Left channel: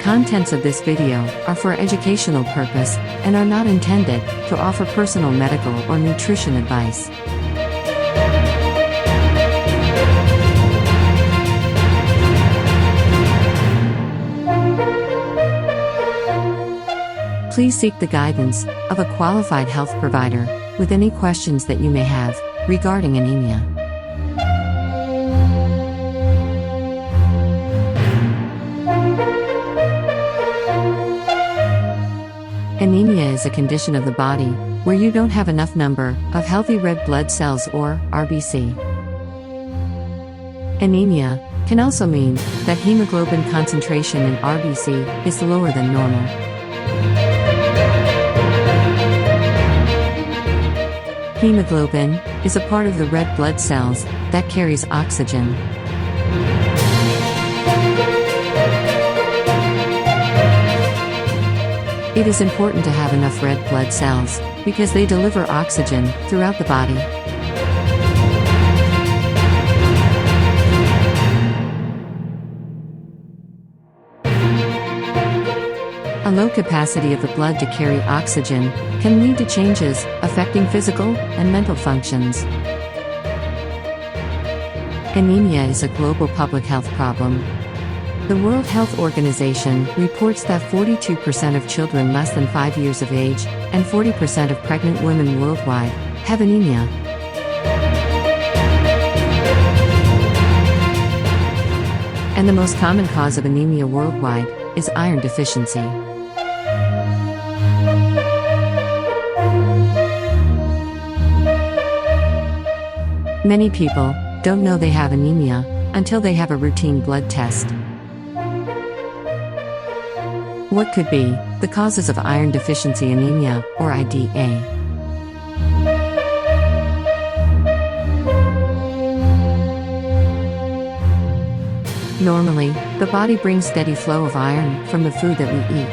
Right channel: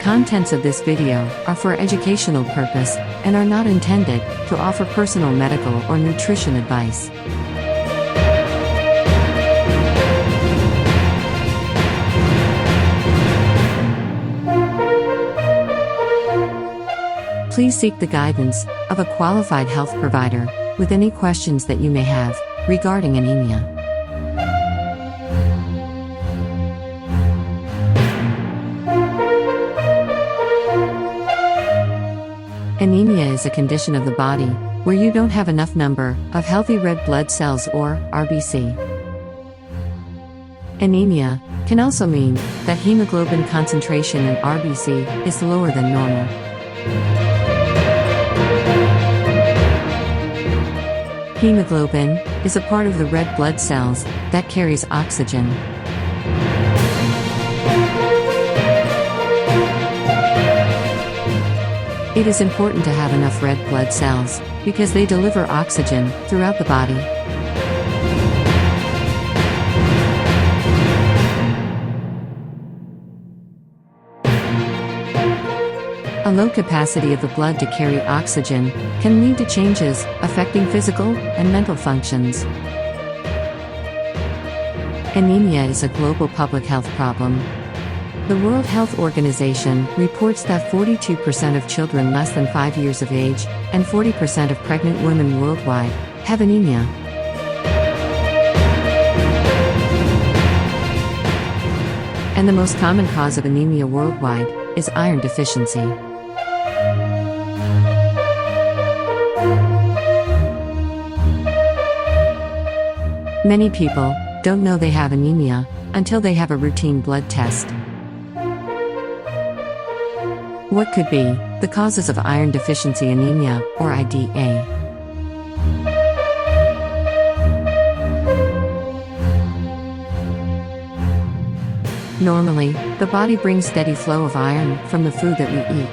contents of this video are for educational purpose and are not intended to offer personal medical or nutrition advice. Please seek the guidance of a qualified health provider with any questions that you may have regarding anemia. Anemia is a condition of the body where you don't have enough number of healthy red blood cells or RBC. Anemia can also mean that hemoglobin concentration in RBC is lower than normal. Hemoglobin is a part of the red blood cells that carries oxygen. It is important to have enough red blood cells because they deliver oxygen throughout the body. A low capacity of the blood to carry oxygen can lead to changes affecting physical and mental functions. Anemia is a global public health problem. The World Health Organization reports that 42% of children less than 5 years of age and 40% of pregnant women worldwide have anemia. And the most common cause of anemia worldwide is iron deficiency. Many people don't know they have anemia until they have a routine blood test. What could be the causes of iron deficiency anemia, or IDA? Normally, the body brings steady flow of iron from the food that we eat.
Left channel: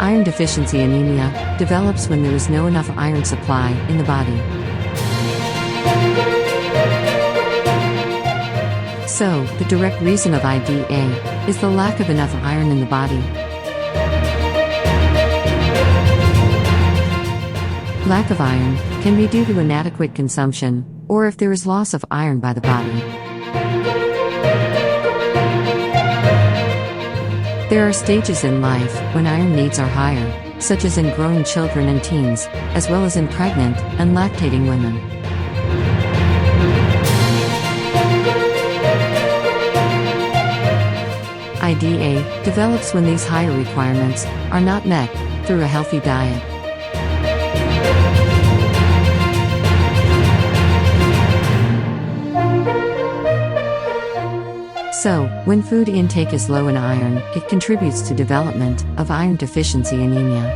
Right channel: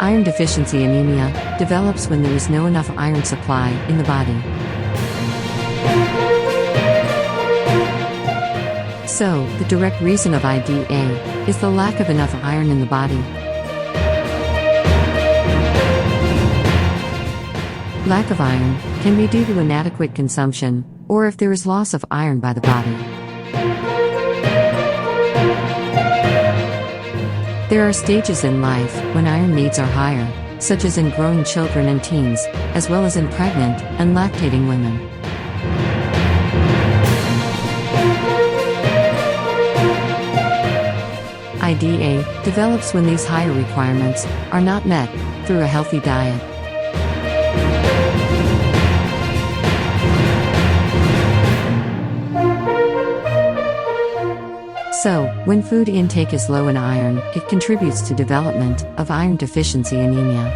Iron deficiency anemia develops when there is no enough iron supply in the body. So, the direct reason of IDA is the lack of enough iron in the body. Lack of iron can be due to inadequate consumption, or if there is loss of iron by the body. There are stages in life when iron needs are higher, such as in growing children and teens, as well as in pregnant and lactating women. IDA develops when these higher requirements are not met through a healthy diet. So, when food intake is low in iron, it contributes to development of iron deficiency anemia.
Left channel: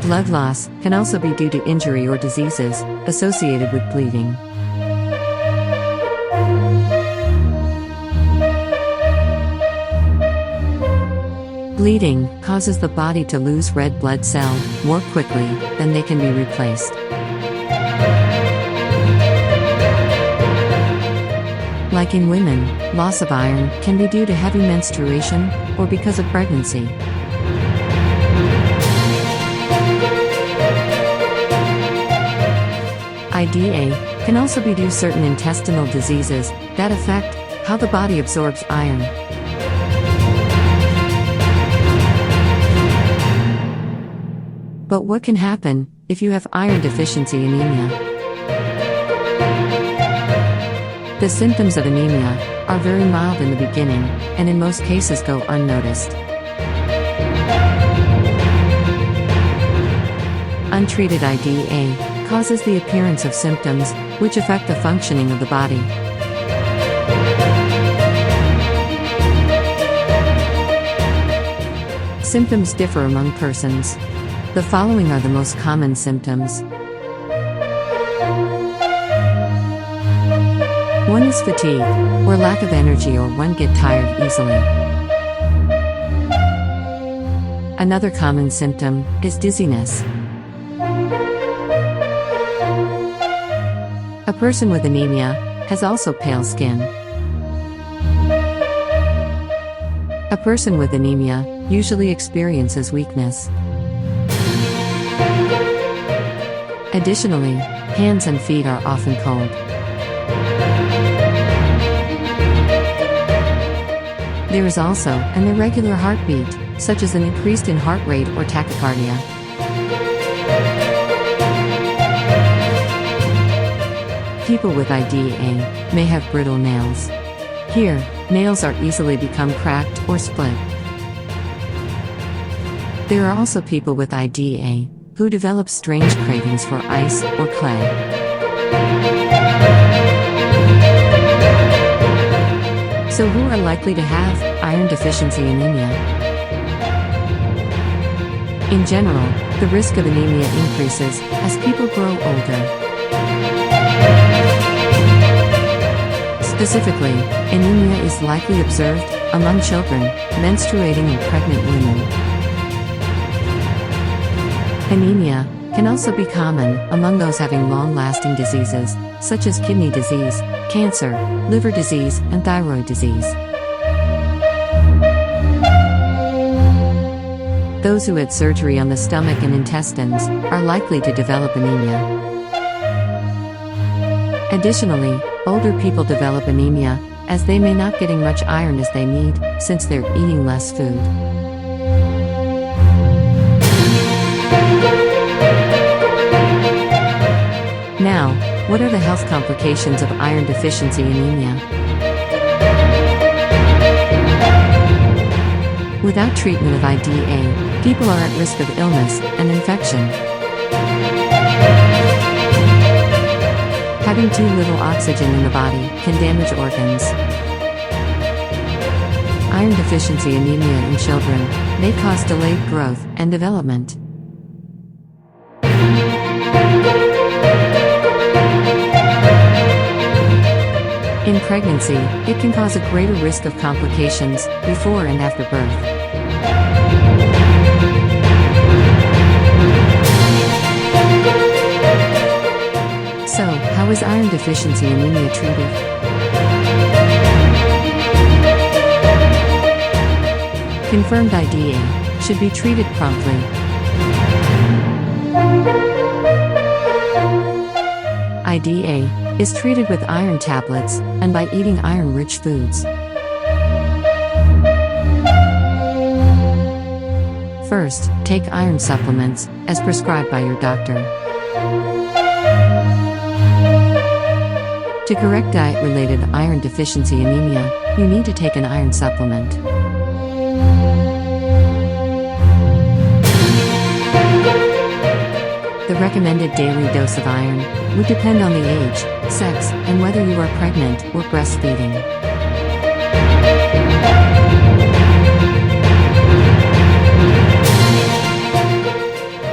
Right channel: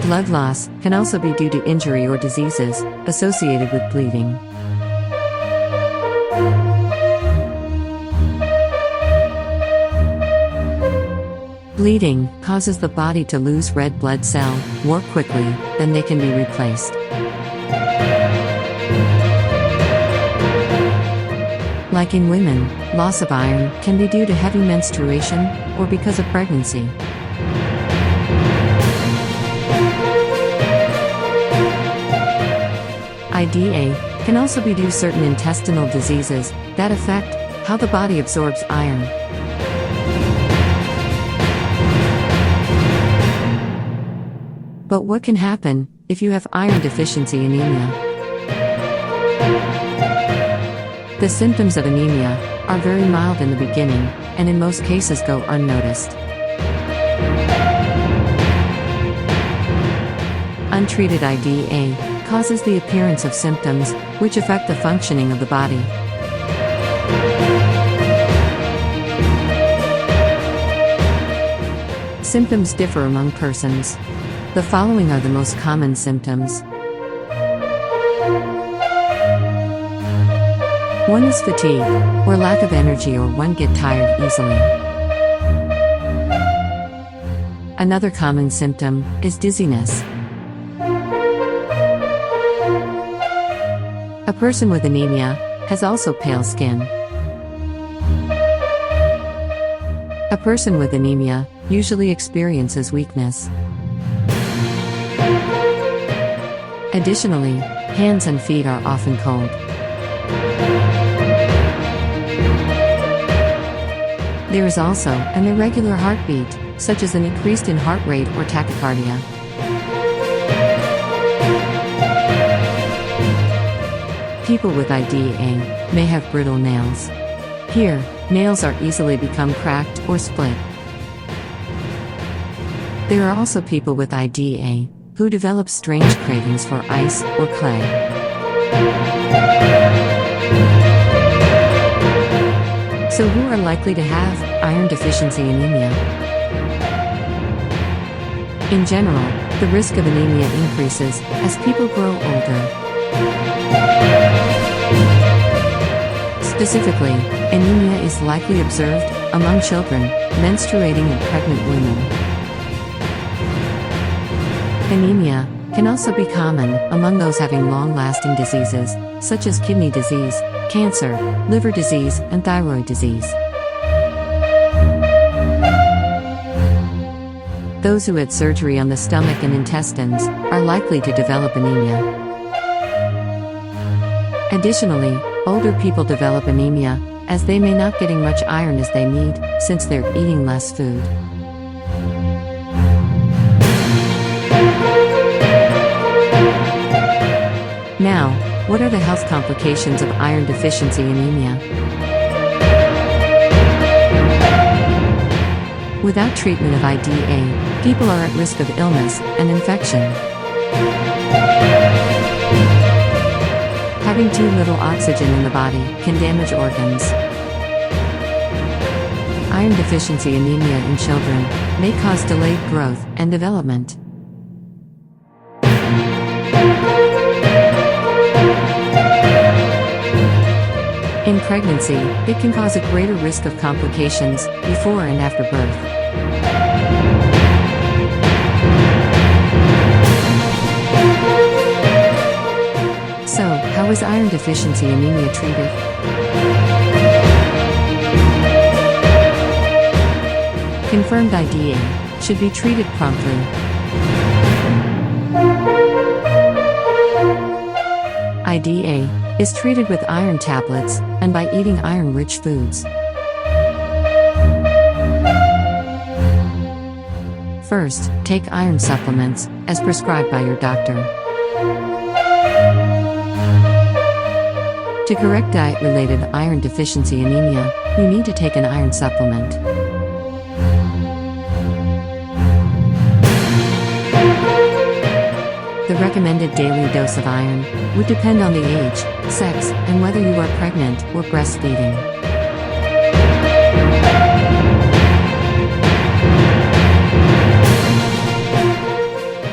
Blood loss can also be due to injury or diseases associated with bleeding. Bleeding causes the body to lose red blood cell more quickly than they can be replaced. Like in women, loss of iron can be due to heavy menstruation or because of pregnancy. IDA can also be due to certain intestinal diseases that affect how the body absorbs iron. But what can happen if you have iron deficiency anemia? The symptoms of anemia are very mild in the beginning, and in most cases go unnoticed. Untreated IDA causes the appearance of symptoms which affect the functioning of the body. Symptoms differ among persons. The following are the most common symptoms. 1 is fatigue, or lack of energy, or one get tired easily. Another common symptom is dizziness. A person with anemia has also pale skin. A person with anemia usually experiences weakness. Additionally, hands and feet are often cold. There is also an irregular heartbeat, such as an increase in heart rate or tachycardia. People with IDA may have brittle nails. Here, nails are easily become cracked or split. There are also people with IDA who develop strange cravings for ice or clay. So who are likely to have iron deficiency anemia? In general, the risk of anemia increases as people grow older. Specifically, anemia is likely observed among children, menstruating, and pregnant women. Anemia can also be common among those having long-lasting diseases, such as kidney disease, cancer, liver disease, and thyroid disease. Those who had surgery on the stomach and intestines are likely to develop anemia. Additionally, older people develop anemia as they may not getting much iron as they need, since they're eating less food. Now, what are the health complications of iron deficiency anemia? Without treatment of IDA, people are at risk of illness and infection. Having too little oxygen in the body can damage organs. Iron deficiency anemia in children may cause delayed growth and development. In pregnancy, it can cause a greater risk of complications before and after birth. So, how is iron deficiency anemia treated? Confirmed IDA should be treated promptly. IDA is treated with iron tablets and by eating iron-rich foods. First, take iron supplements as prescribed by your doctor. To correct diet-related iron deficiency anemia, you need to take an iron supplement. The recommended daily dose of iron would depend on the age, sex, and whether you are pregnant or breastfeeding.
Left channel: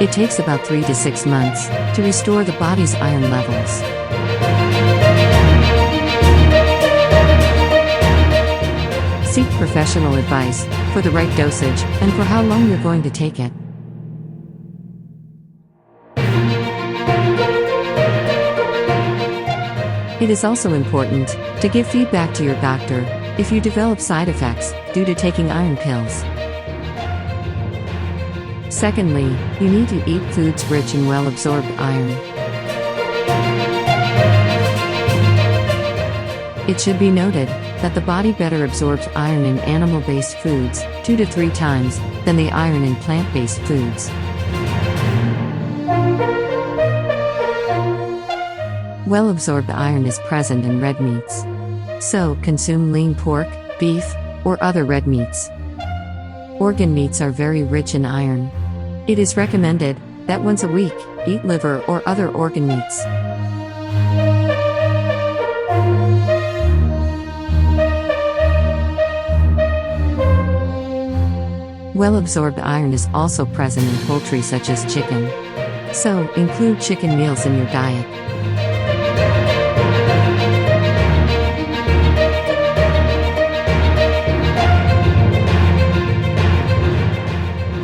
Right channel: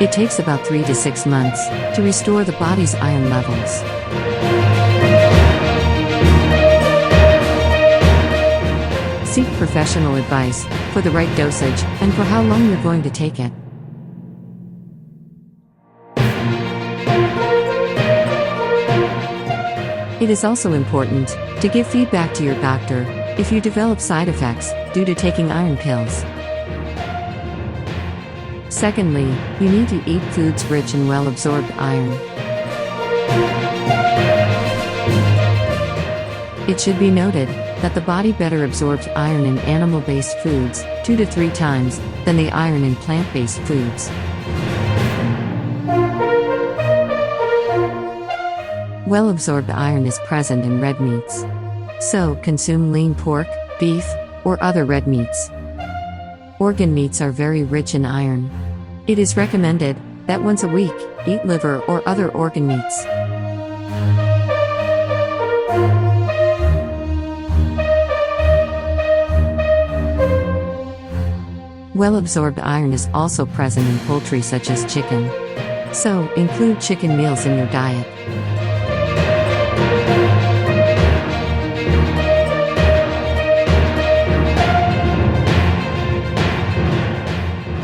It takes about 3 to 6 months to restore the body's iron levels. Seek professional advice for the right dosage and for how long you're going to take it. It is also important to give feedback to your doctor if you develop side effects due to taking iron pills. Secondly, you need to eat foods rich in well-absorbed iron. It should be noted that the body better absorbs iron in animal-based foods 2 to 3 times than the iron in plant-based foods. Well-absorbed iron is present in red meats. So, consume lean pork, beef, or other red meats. Organ meats are very rich in iron. It is recommended that once a week, eat liver or other organ meats. Well-absorbed iron is also present in poultry such as chicken. So, include chicken meals in your diet.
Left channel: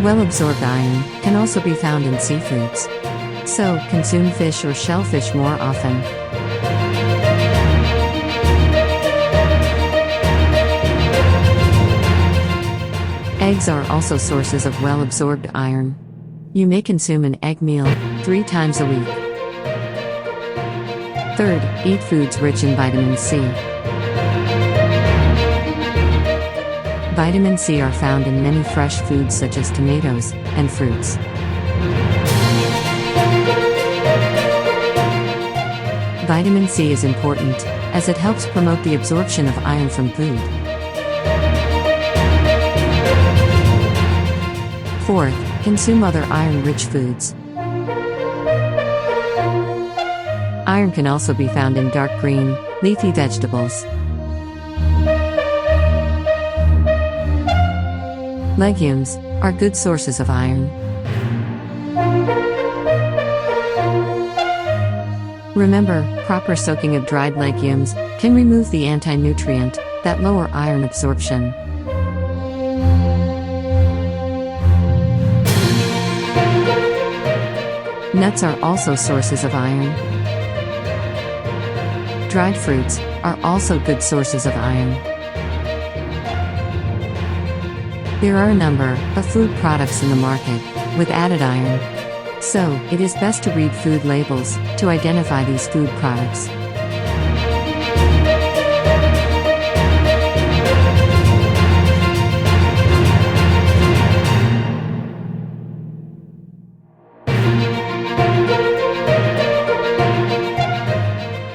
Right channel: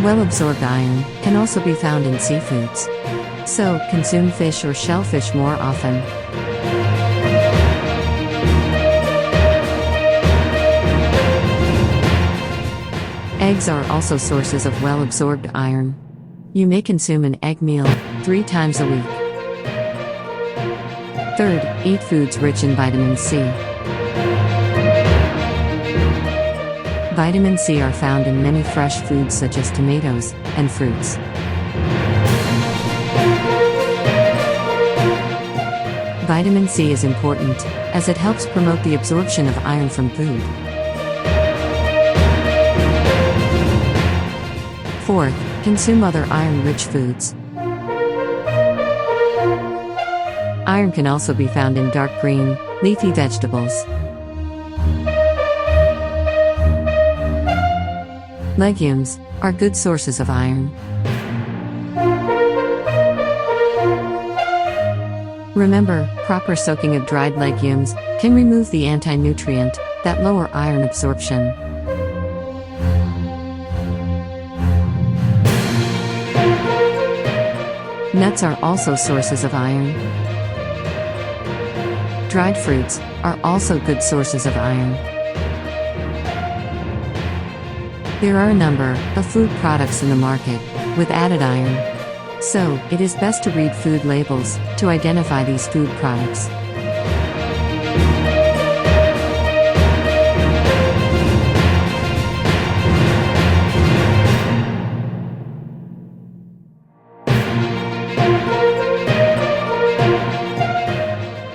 Well-absorbed iron can also be found in seafoods. So, consume fish or shellfish more often. Eggs are also sources of well-absorbed iron. You may consume an egg meal 3 times a week. Third, eat foods rich in vitamin C. Vitamin C are found in many fresh foods such as tomatoes and fruits. Vitamin C is important, as it helps promote the absorption of iron from food. Fourth, consume other iron-rich foods. Iron can also be found in dark green, leafy vegetables. Legumes are good sources of iron. Remember, proper soaking of dried legumes can remove the anti-nutrient that lower iron absorption. Nuts are also sources of iron. Dried fruits are also good sources of iron. There are a number of food products in the market with added iron. So, it is best to read food labels to identify these food products.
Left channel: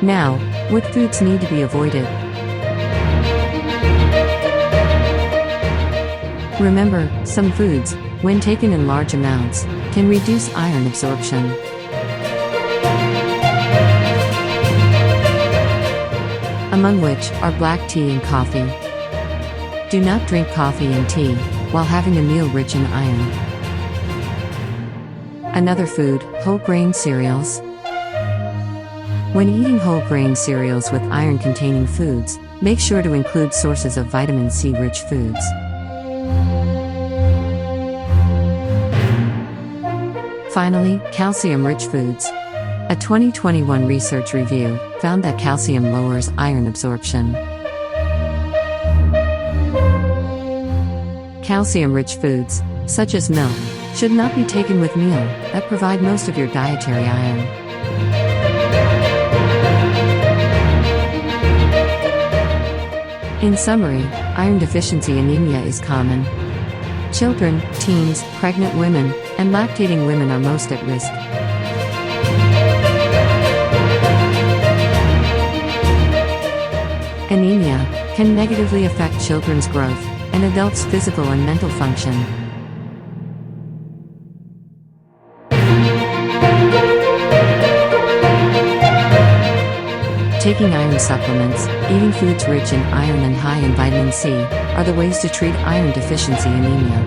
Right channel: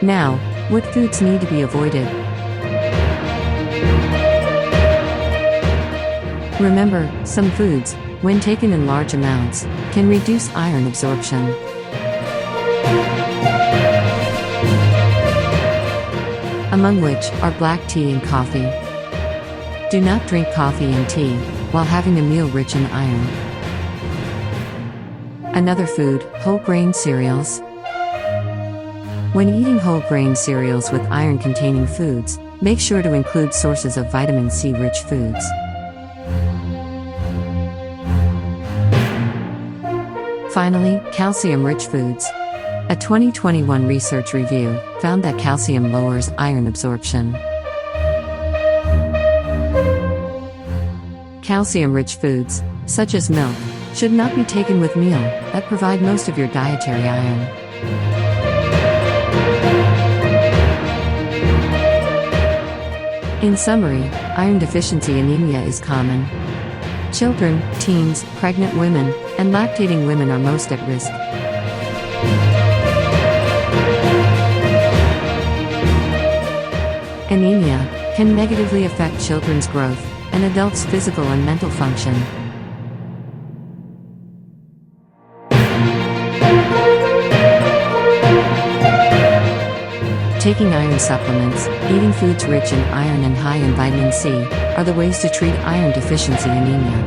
Now, what foods need to be avoided? Remember, some foods, when taken in large amounts, can reduce iron absorption. Among which are black tea and coffee. Do not drink coffee and tea while having a meal rich in iron. Another food, whole grain cereals. When eating whole grain cereals with iron-containing foods, make sure to include sources of vitamin C-rich foods. Finally, calcium-rich foods. A 2021 research review found that calcium lowers iron absorption. Calcium-rich foods, such as milk, should not be taken with meal that provide most of your dietary iron. In summary, iron deficiency anemia is common. Children, teens, pregnant women, and lactating women are most at risk. Anemia can negatively affect children's growth and adults' physical and mental function. Taking iron supplements, eating foods rich in iron and high in vitamin C, are the ways to treat iron deficiency anemia.